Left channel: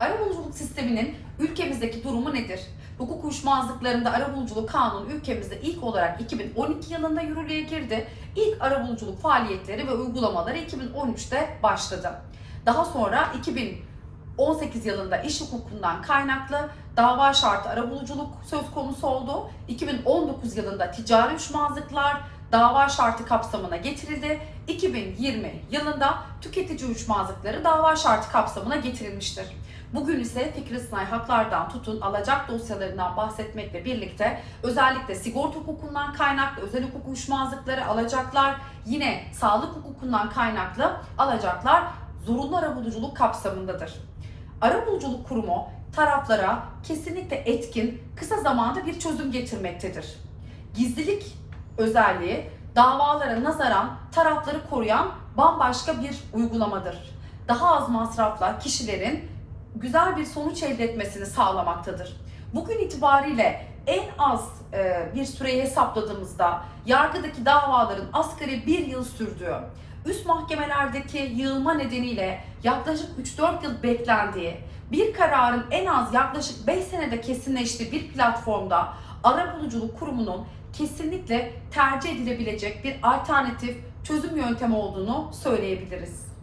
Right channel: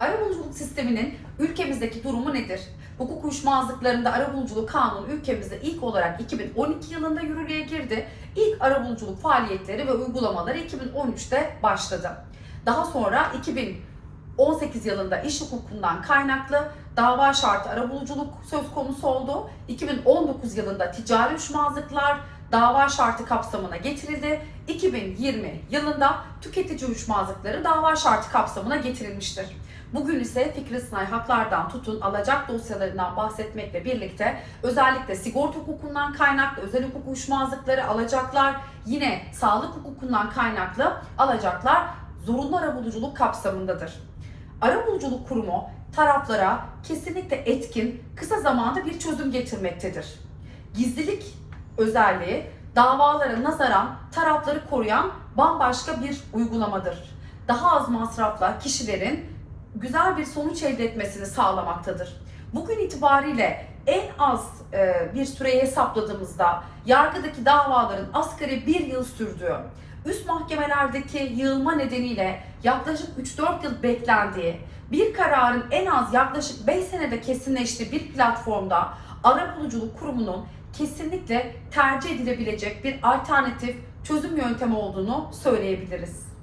Arabuluculuk sisteminin ülkemizdeki durumu nedir? Hukuk uyuşmazlıklarında arabuluculuk kanunu ülkemizde ilk olarak 2012 yılında yürürlüğe girdi. İlk arabuluculuk faaliyetleri ve uygulamaları 2013'te başladı. Daha sonra 2018 yılında iş hukukundan kaynaklı dava şartı arabuluculuk söz konusu oldu. 2019 yılında ticari uyuşmazlıklar dava şartı kapsamına getirildi. 2020 yılında tüketici uyuşmazlıkları dava şartı kapsamına getirilmiştir. Bugün ise fikri sınai haklardan tutun alacak dosyalarından bahsetmekle birlikte özellikle sigorta hukukundan kaynaklı özel hukuk uyuşmazlıkları alacaklar, yine sağlık hukukundan kaynaklı alacaklar zorunlu arabuluculuk kapsamındadır. Arabuluculuk kurumu taraflara kesinlikle etkin, kısa zamanda bir çözüm getirmektedir. Gizlilik özelliği davalara nazaran tarafları koruyan bambaşka bir uygulamadır. Daha az masrafla kişilerin güzel bir sonuç elde etmesini sağlamaktadır. Bugün itibariyle en az e, bir süreyi hesapladığımızda yargıdaki davaların asgari bir yıl sürdüğü, üst mahkemelerdeki yığılma nedeniyle yaklaşık 3-4 yıl beklendiği, bir kararın en az yaklaşık 5 senede kesinleştiği bir platformda arabuluculuk kurumunun kesinlikle tercih edilebilecek bir alternatif çözüm yöntemi olduğunu söyleyebiliriz.